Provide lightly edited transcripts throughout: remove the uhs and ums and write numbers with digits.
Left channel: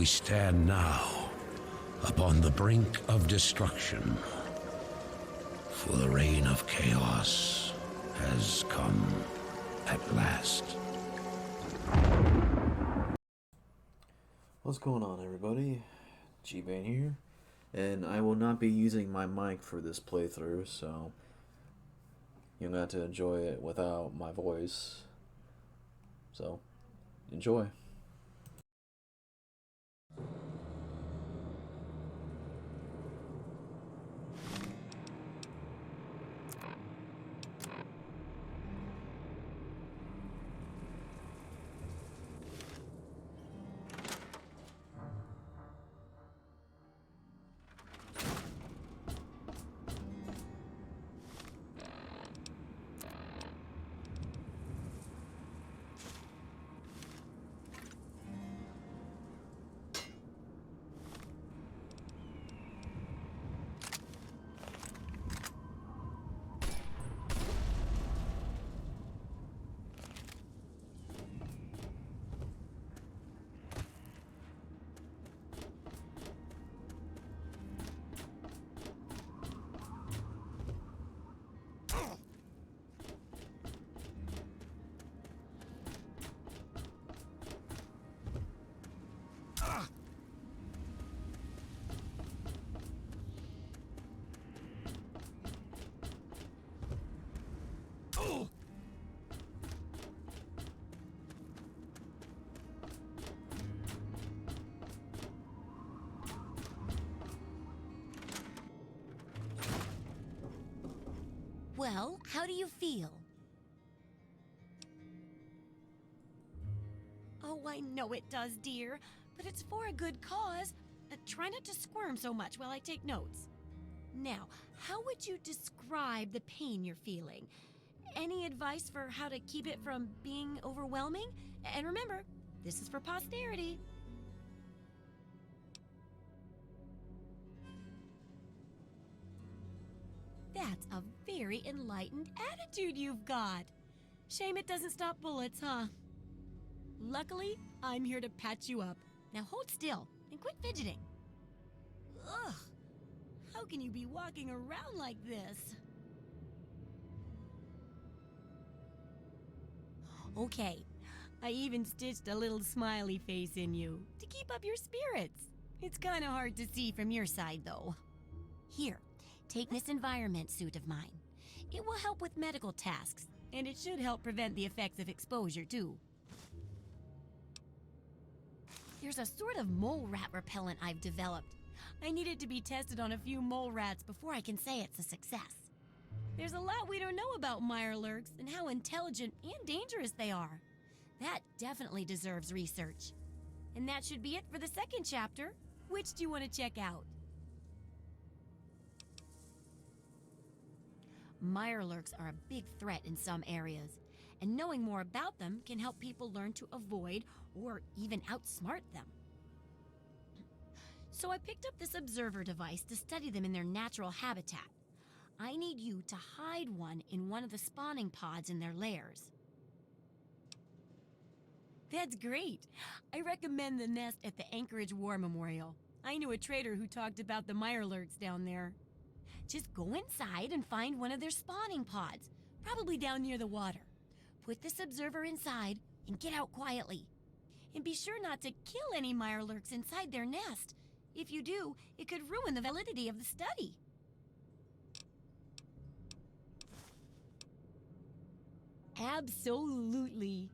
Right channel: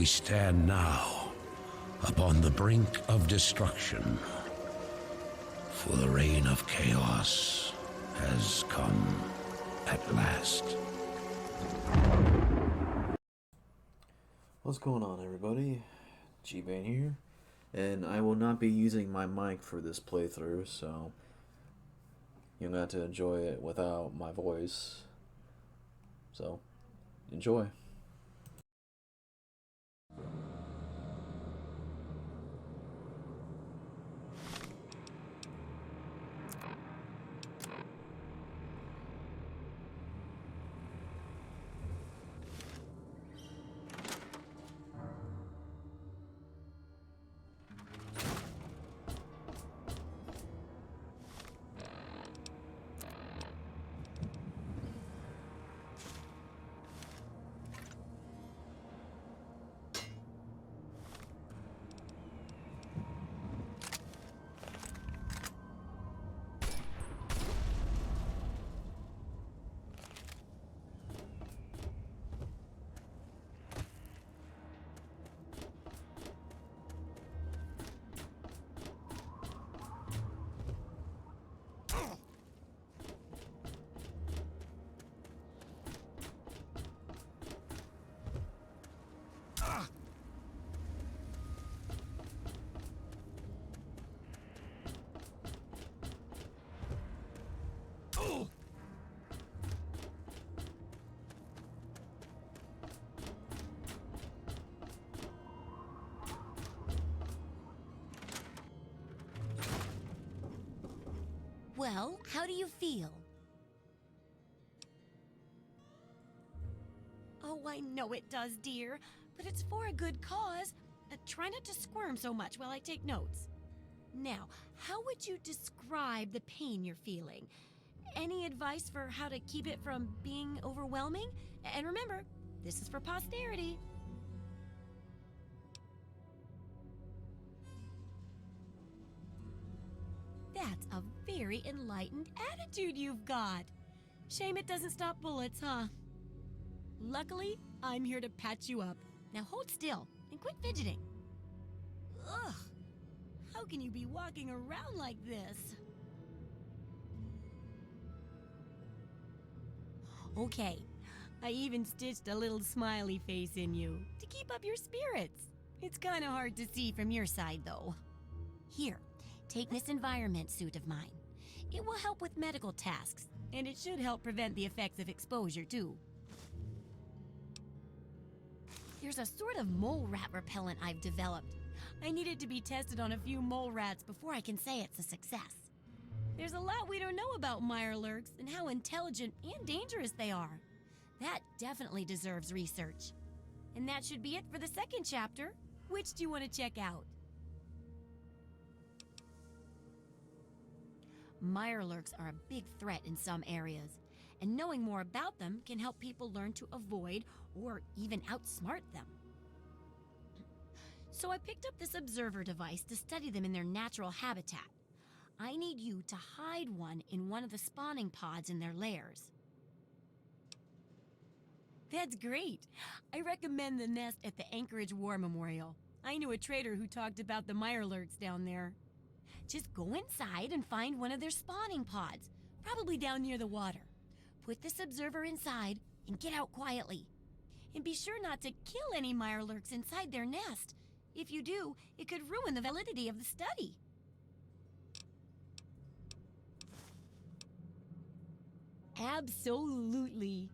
We stand now upon the brink of destruction, for the reign of chaos has come at last. What's going on, everybody? G-Bane here, and I will not be using my mic for this playthrough, so you're going to have to enjoy it without my voice. So, enjoy. Well, how do you feel? Oh, I know it does, dear, but it's for a good cause. Try not to squirm so much while I take notes. Now, how would you describe the pain you're feeling? Any advice for how to keep it from being overwhelming? And remember, this is for posterity. That's a very enlightened attitude you've got. Shame it doesn't stop bullets, huh? Luckily, I'm here to patch you up. Now hold still and quit fidgeting. Ugh, how can you be walking around like this? Okay, I even stitched a little smiley face in you to keep up your spirits. It's kind of hard to see from your side, though. Here, take this environment suit of mine. It will help with medical tasks, and it should help prevent the effects of exposure, too. There's a sort of mole rat repellent I've developed. I need it to be tested on a few mole rats before I can say it's a success. There's a lot we don't know about mirelurks and how intelligent and dangerous they are. That definitely deserves research. And that should be it for the second chapter. Which do you want to check out? Mirelurks are a big threat in some areas, and knowing more about them can help people learn to avoid or even outsmart them. So I picked up this observer device to study them in their natural habitat. I need you to hide one in one of the spawning pods in their lairs. That's great. I recommend the nest at the Anchorage War Memorial. I knew a trader who talked about the mirelurks down there. Just go inside and find one of their spawning pods, probably down near the water. Put this observer inside and get out quietly. And be sure not to kill any mirelurks inside their nest. If you do, it could ruin the validity of the study. Absolutely.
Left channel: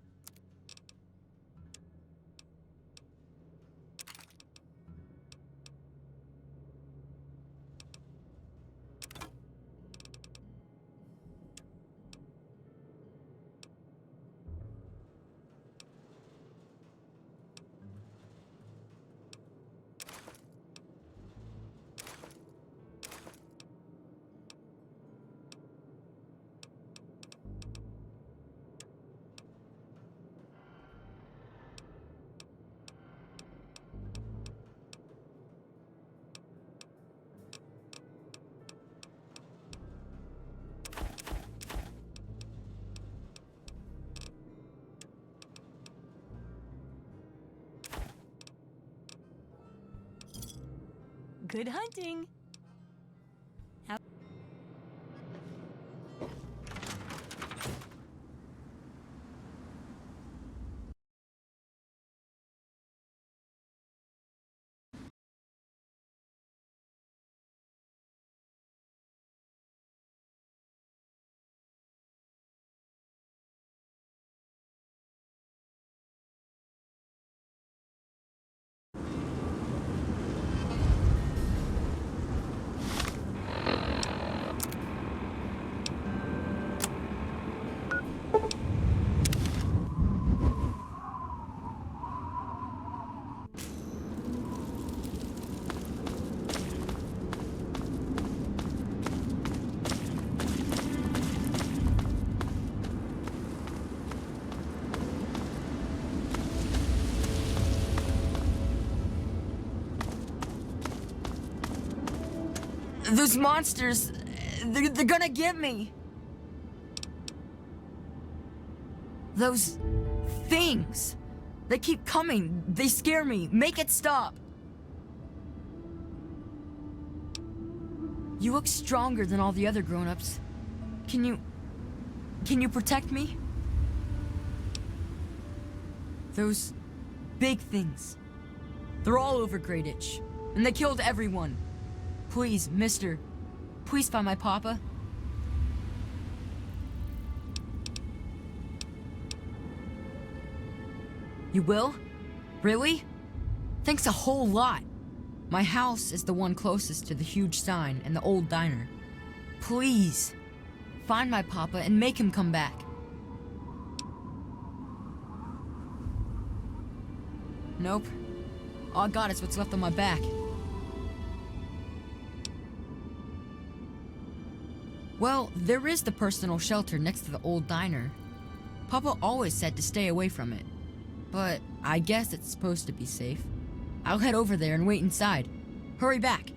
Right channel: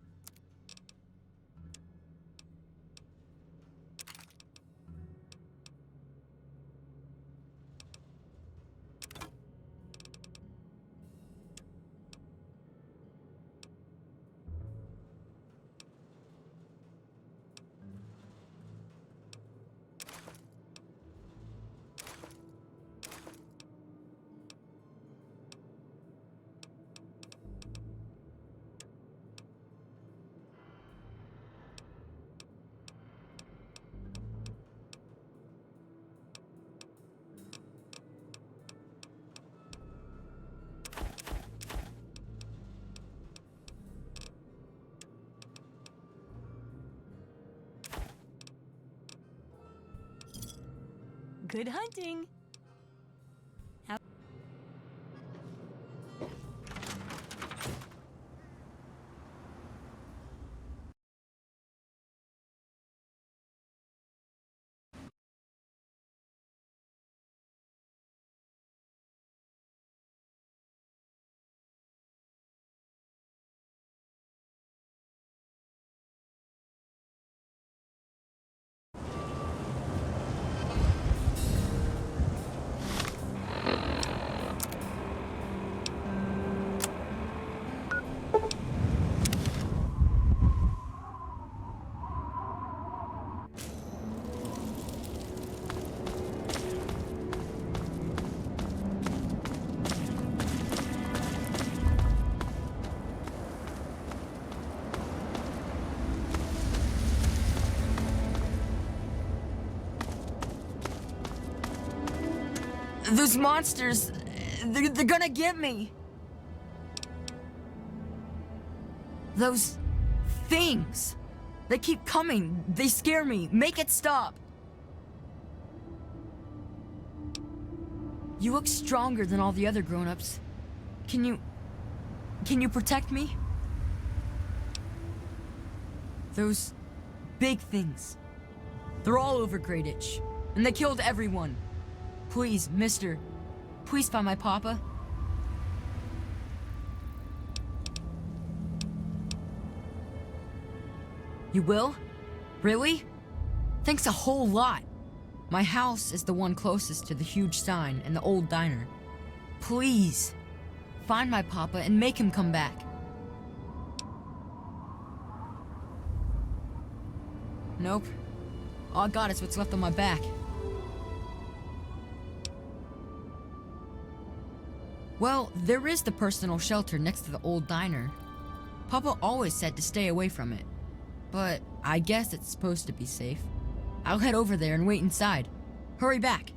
Good hunting. Those monsters, they're gonna get me. Those things, they keep coming. They scare me. Make it stop. You look stronger than all the other grown-ups. Can you protect me? Those big things, they're all over Greyditch, and they killed everyone. Please, mister, please find my papa. You will? Really? Thanks a whole lot. My house is the one closest to the huge sign and the old diner. Please, find my papa and make him come back. Nope. All I got is what's left on my back. Well, there is the personal shelter next to the old diner. Papa always said to stay away from it. But I guess it's supposed to be safe. I'll head over there and wait inside. Hurry back.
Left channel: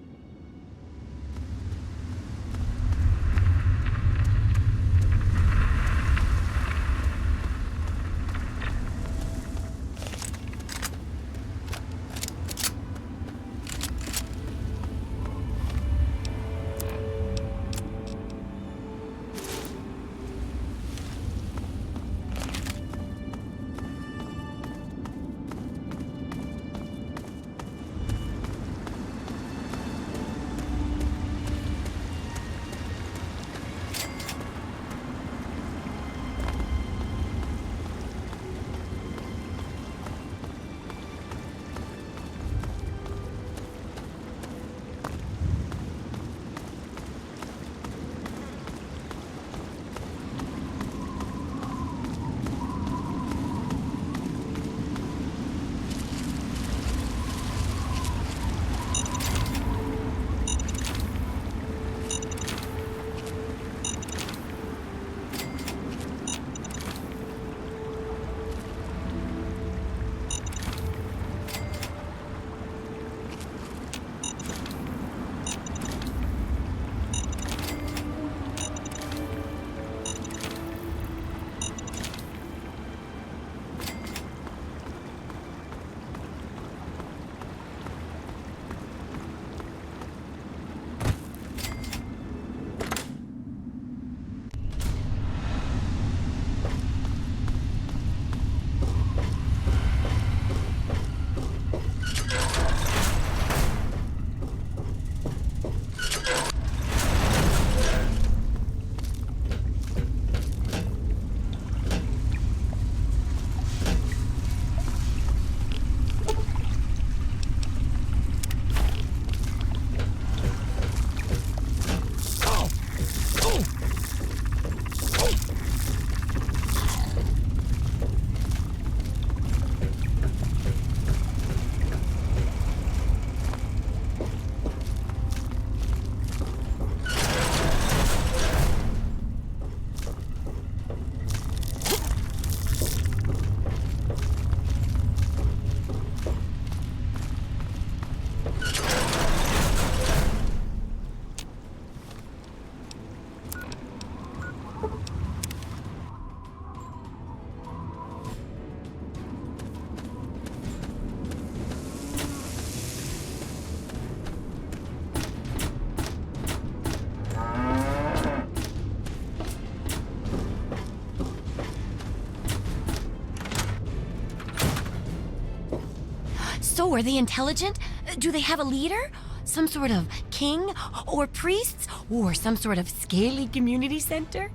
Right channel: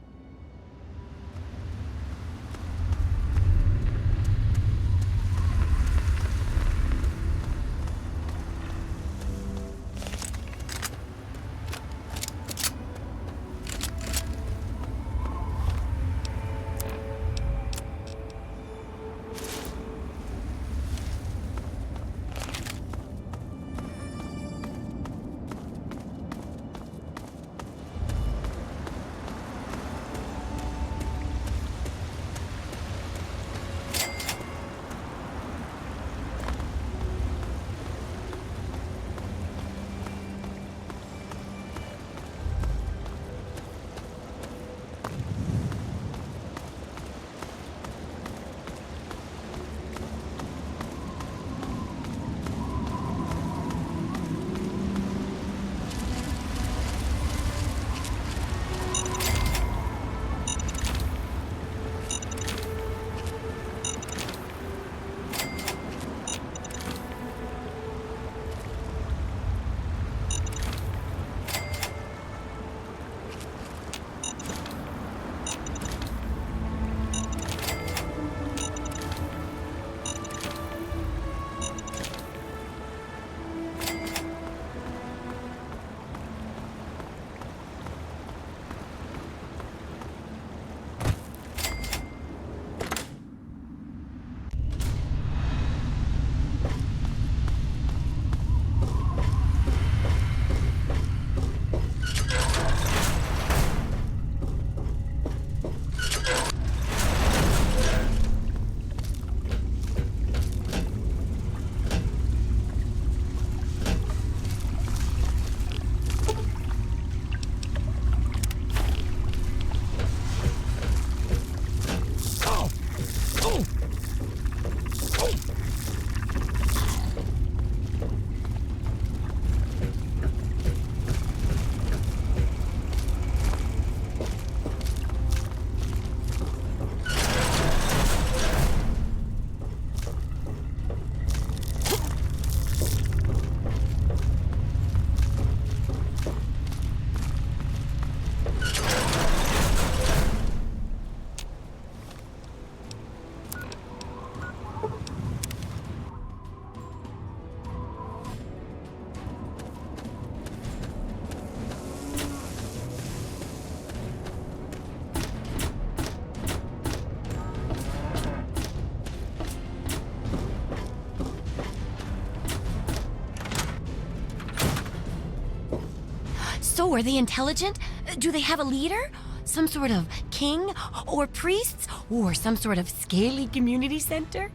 Oh, are they intelligent? Do they have a leader? Some sort of king or priests or some sort of scaly community center?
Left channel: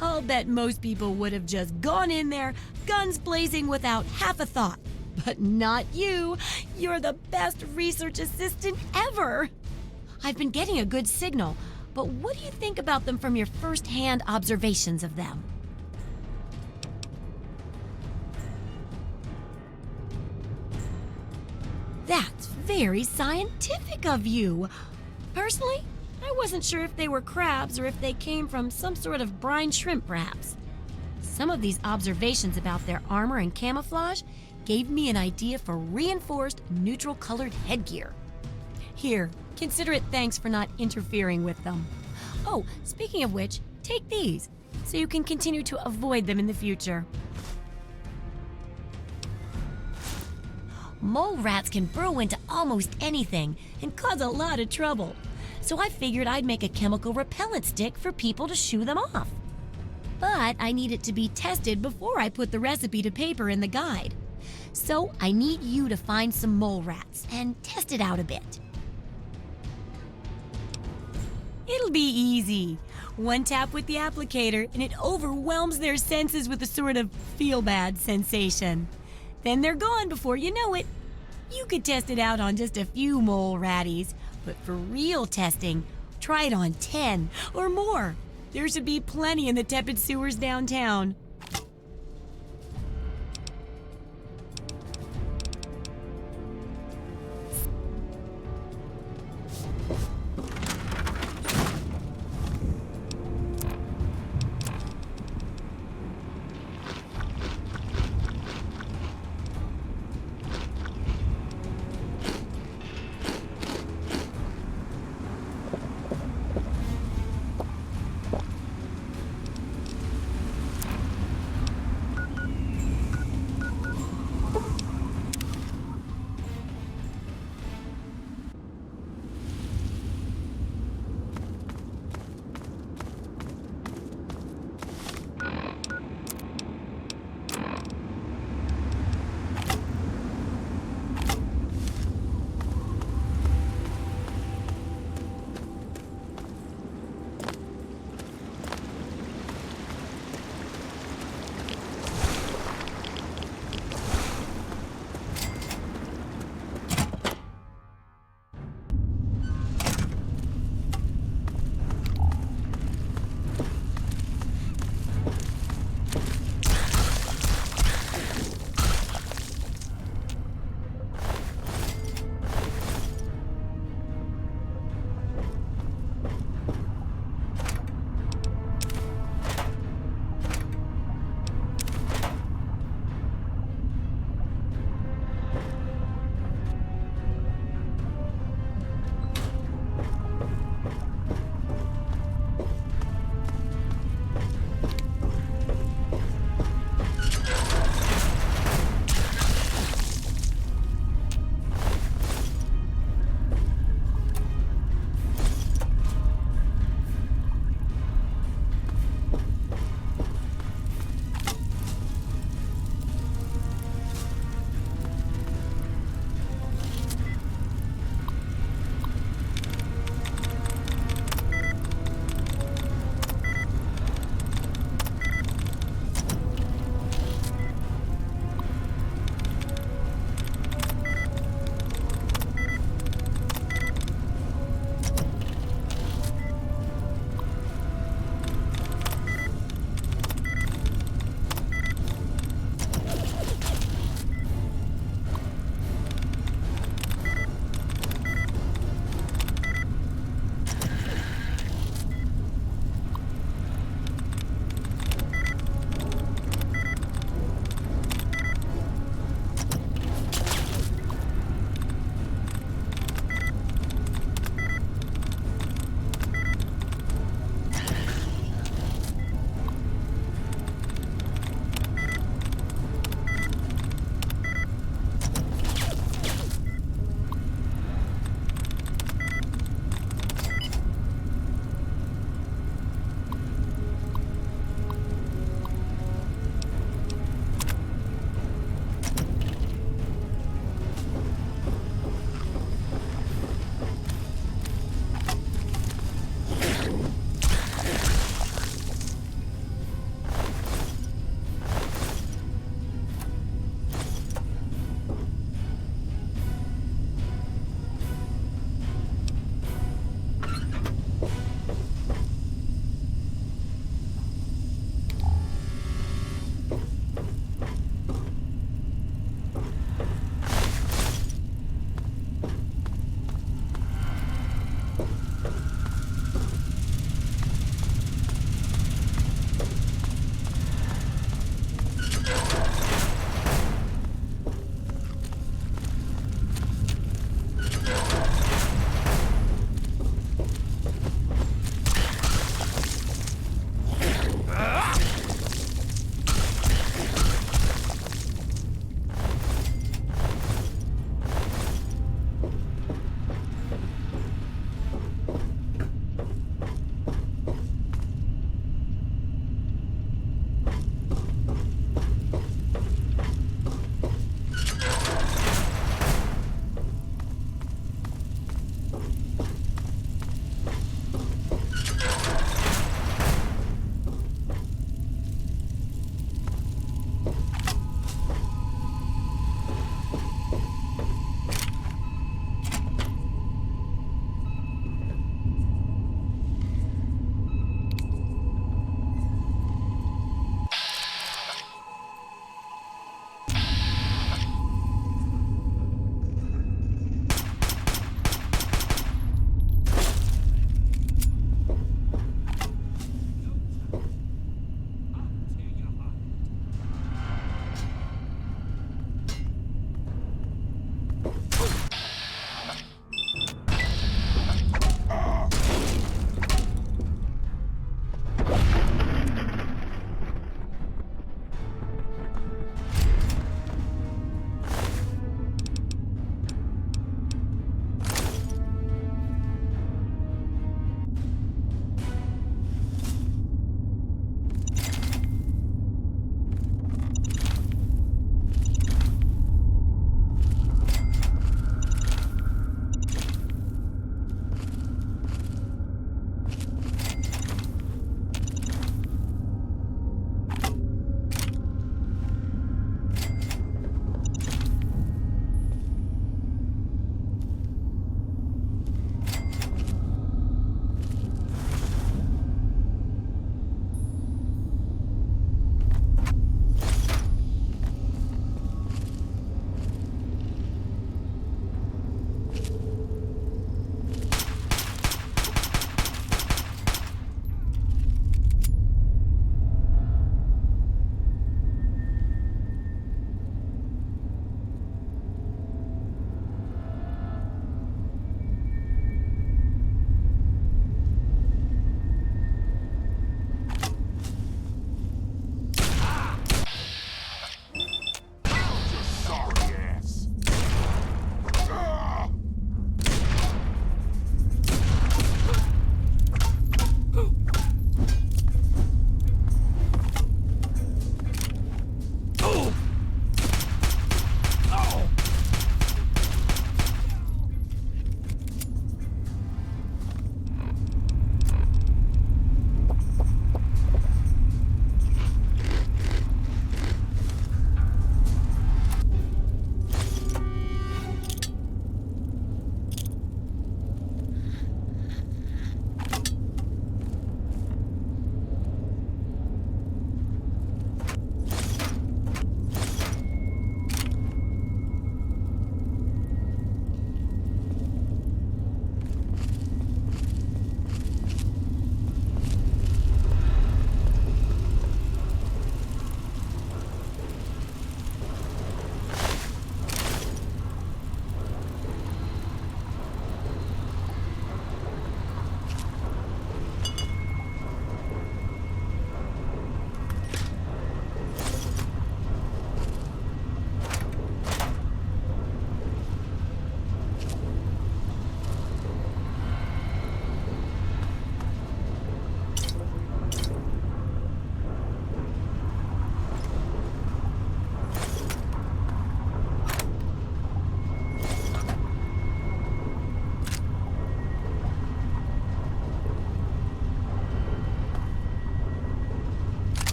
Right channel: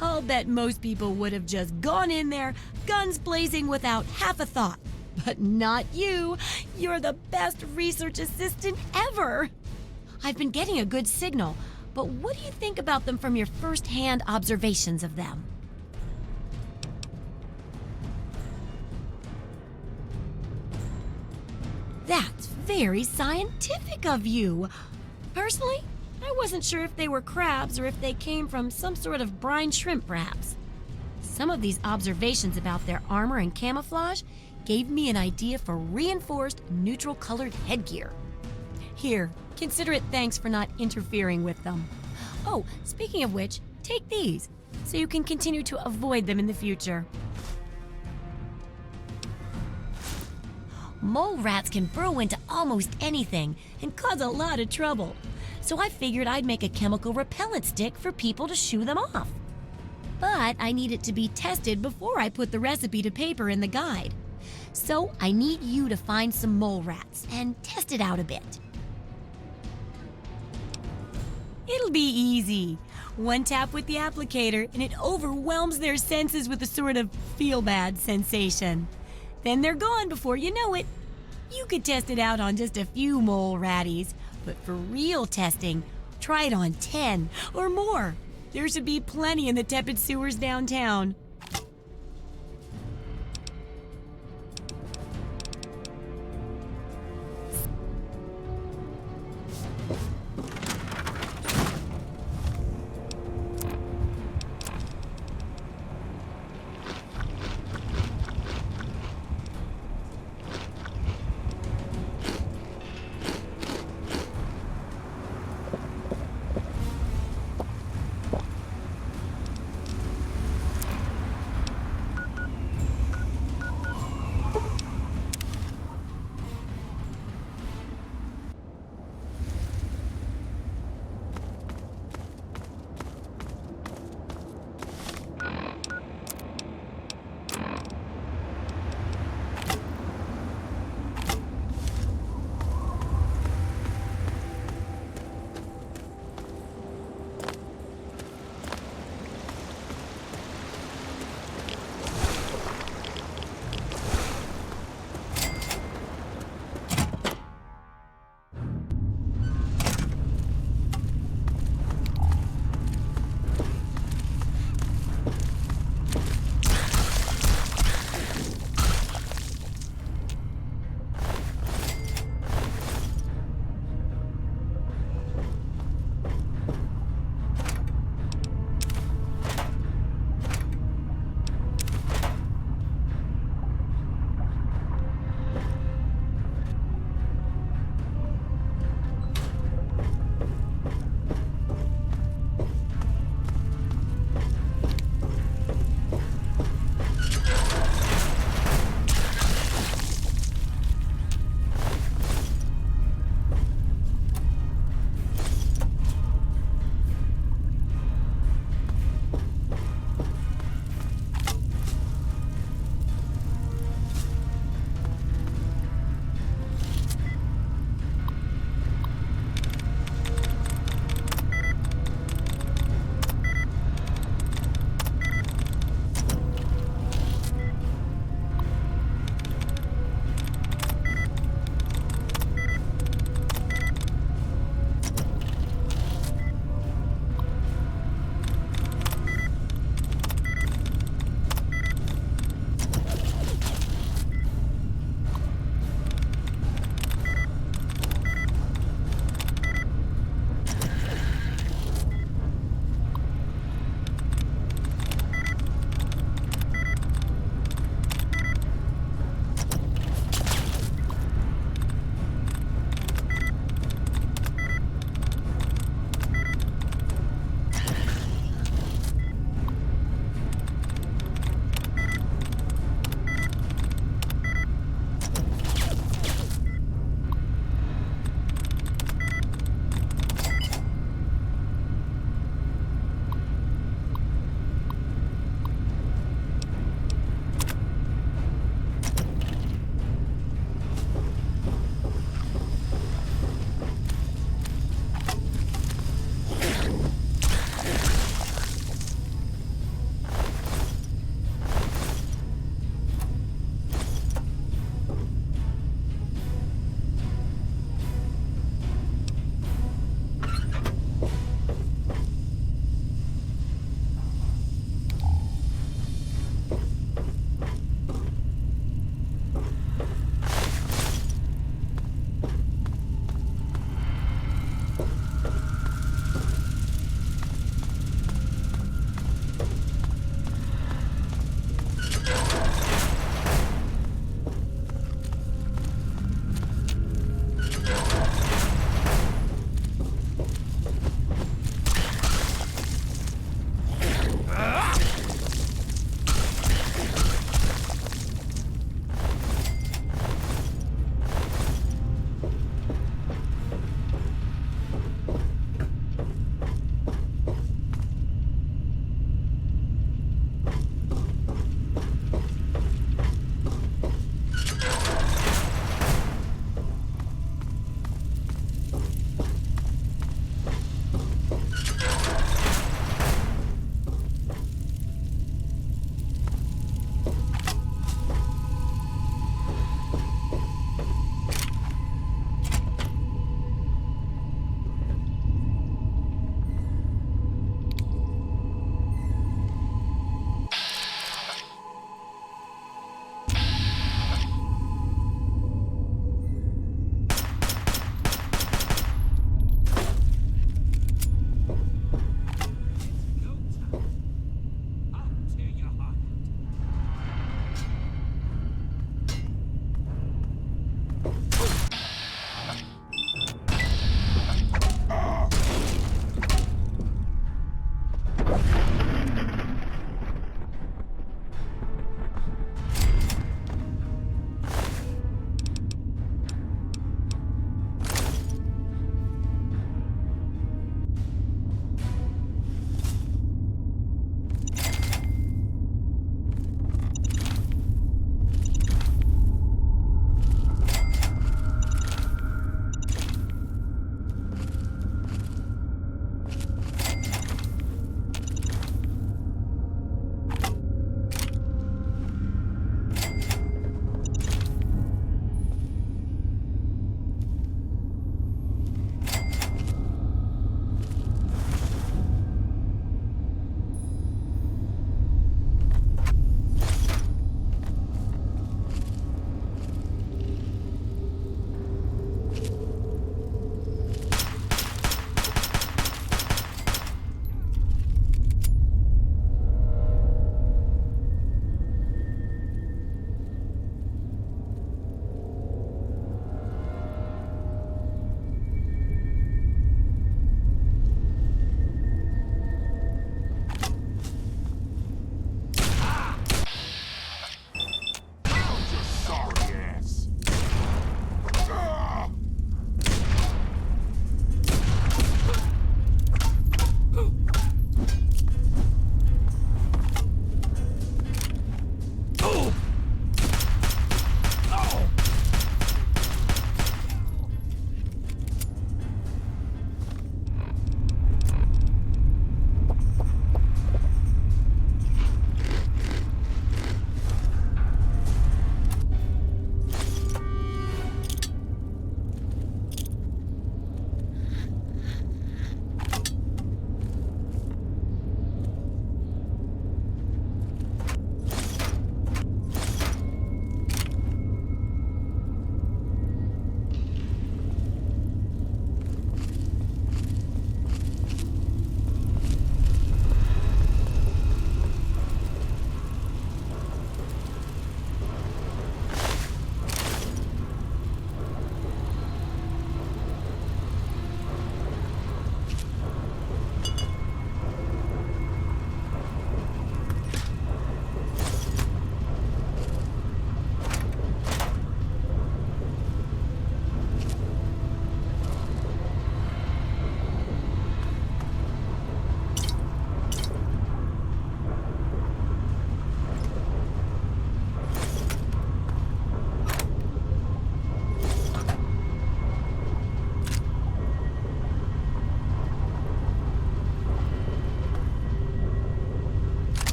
I'll bet most people would have just gone in there, guns blazing without half a thought. But not you. You're the best research assistant ever. I've been getting a good signal, but what do you think about them from your first-hand observations of them? That's very scientific of you. Personally, I wasn't sure if they were crabs or if they came from some sort of brine shrimp, perhaps. Some of these observations about their armor and camouflage gave me an idea for reinforced neutral-colored headgear. Here, consider it thanks for not interfering with them. Oh, speaking of which, take these, so you can continue to avoid them in the future. Mole rats can burrow into almost anything and cause a lot of trouble. So I figured I'd make a chemical repellent stick for people to shoo them off. But I need it to be tested before I put the recipe to paper in the guide. So I need you to find some mole rats and test it out a bit. It'll be easy. One tap with the applicator and it overwhelms their senses with a sort of feel-bad sensation. Then they're gone before you know it. You could test it out on just a few mole ratties, but for real testing, try it on 10 or more. There should be plenty in the tepid sewers downtown.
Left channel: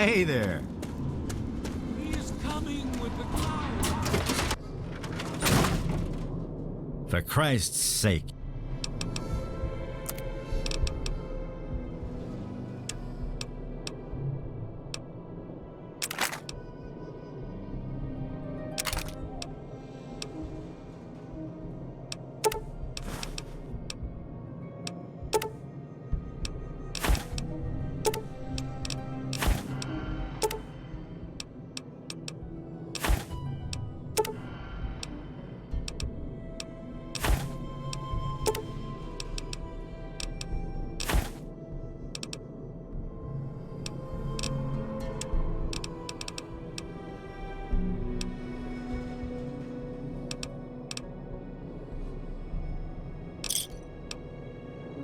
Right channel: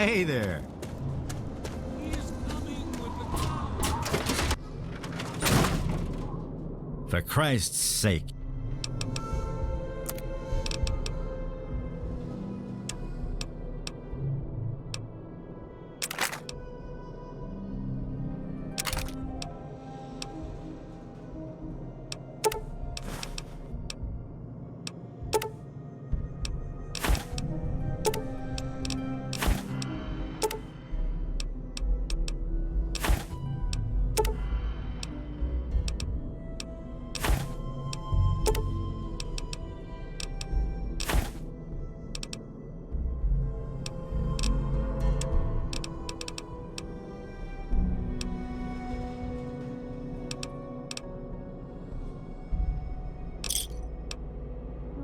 Hey there. He is coming with the cloud. For Christ's sake.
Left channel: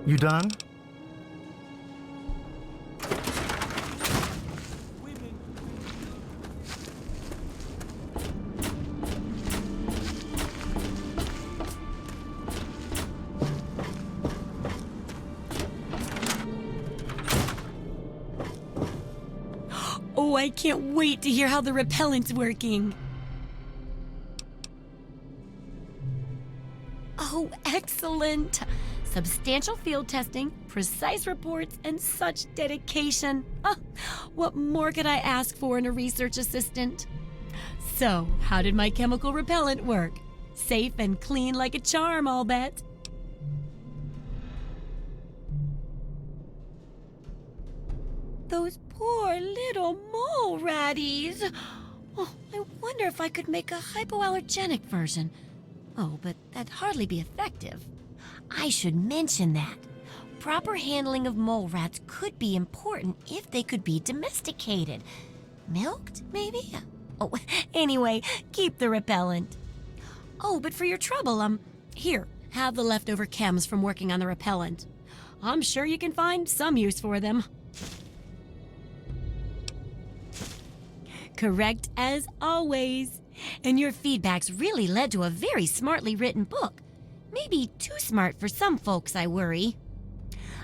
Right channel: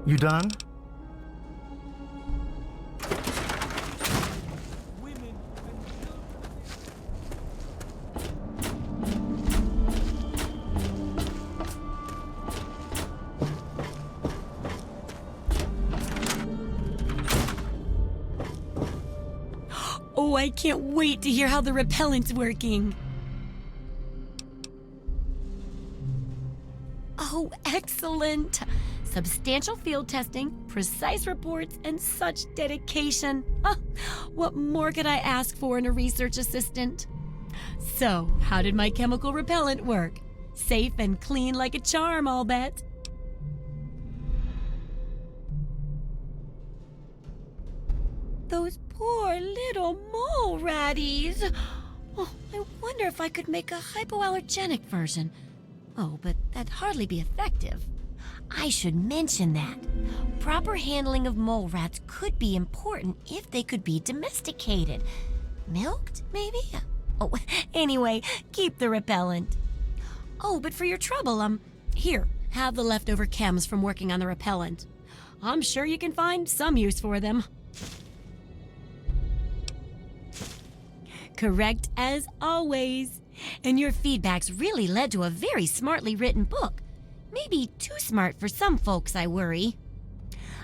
You done? Women and children. Oh, I can't wait to hear how the repellent's working. Oh, excellent. Substantial field testing, precise reports, and such dedication. What more could I ask for in a research assistant? So, how did my chemical repellent work? Safe and clean like a charm, I'll bet. Those poor little mole ratties. Oh, I wonder if I could make a hypoallergenic version. Oh, but that'd hardly be effective. I should mention that. Proper handling of mole rats could be important if they could be domesticated. Milked, maybe? Oh, anyway, keep the repellent. Oh, but for your trouble, here, have the leftover chems from working on the repellent. I'm sure you can find some use for them. Correct as always. And your feedback's really led to a very smartly written book. Maybe too smart for some folks, I worry.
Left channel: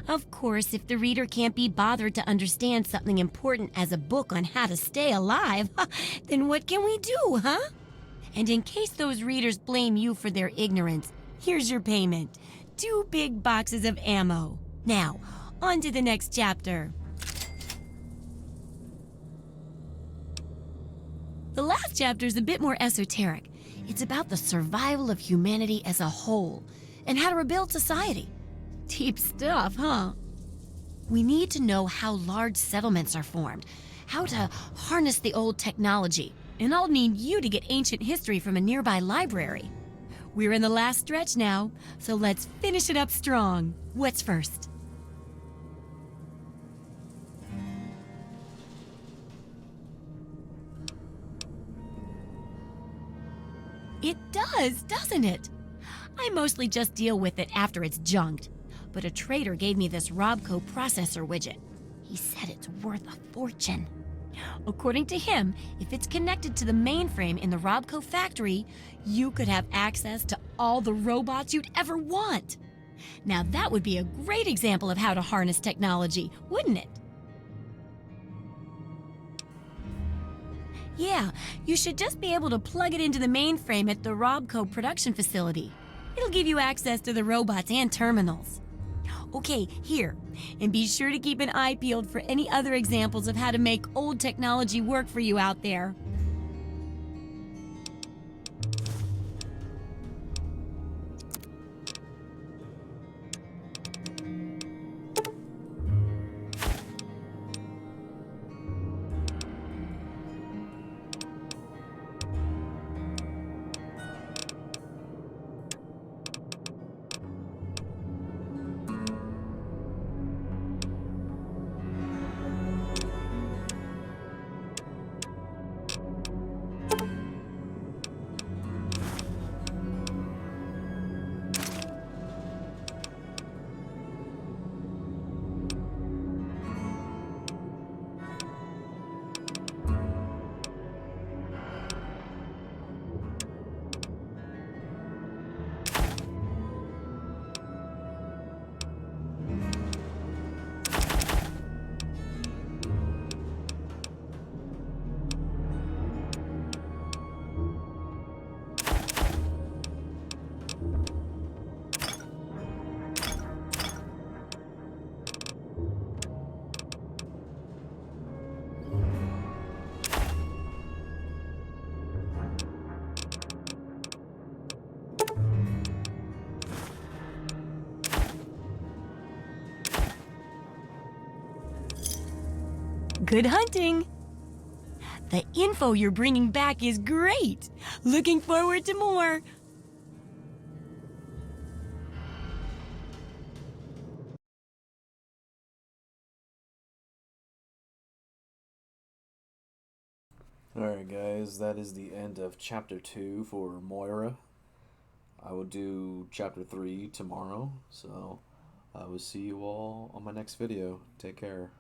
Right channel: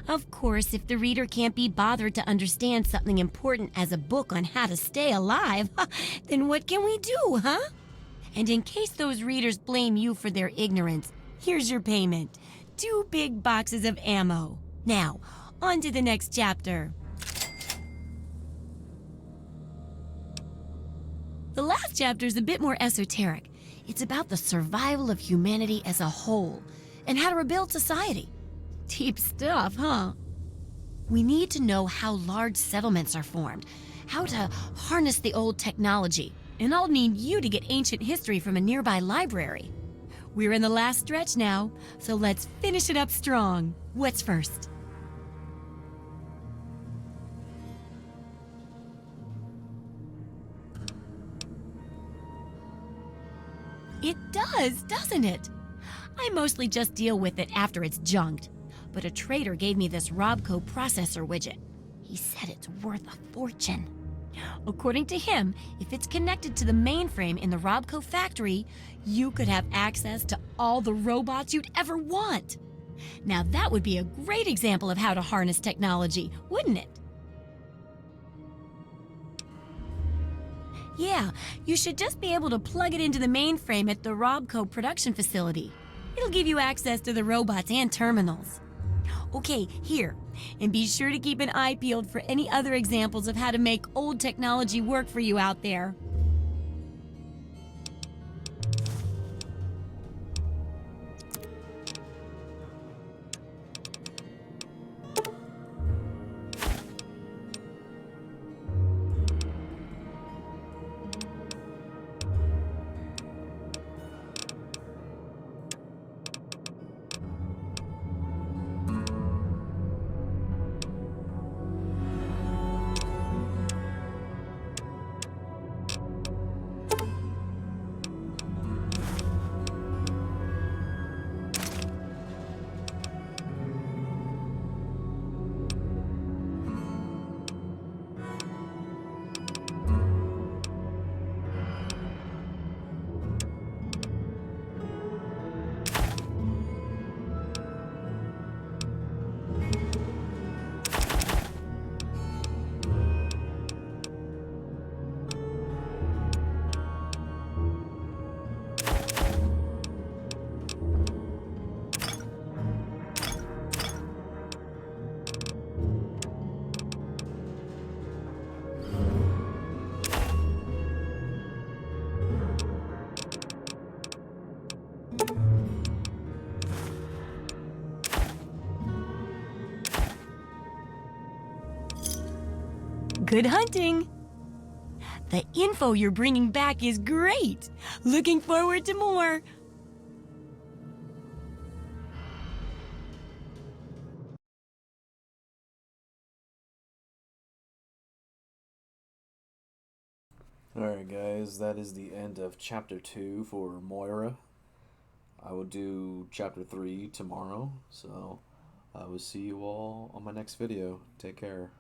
Of course, if the reader can't be bothered to understand something important as a book on how to stay alive, then what can we do, huh? And in case those readers blame you for their ignorance, here's your payment. 2 big boxes of ammo. Now, on to the next chapter. The last chapter is a bit more esoteric. It's about the survival of humanity as a whole and how to rebuild society. Deep stuff, huh? We need to know how large settlements are formed, how to harness the old technology, and I'll need you to get ancient history from a nearby library. We're in the last stretch now, so let's finish it up strong. What's first? It does, doesn't it? I mostly just deal with it after it's junked. But a trader gave me this Robco processor widget. He said it's worth a fortune. According to him, if it's connected to the mainframe in the Robco factory, you could have access to all the robots you'd ever want. Now that would be a great example of how to harness technology, wouldn't it? Yeah, you should just be able to plug it into the mainframe at the Robco production facility. It'll give you access to the robots and terminals. Okay, here. And be sure to keep an eye peeled for any other examples of how to make old technology work for you out there. Good hunting! The info you're bringing back is great! Looking forward to more! Alright guys, that is the end of chapter 2 for Moira. I will do chapter 3 tomorrow, so I will see you all on my next video. Take care.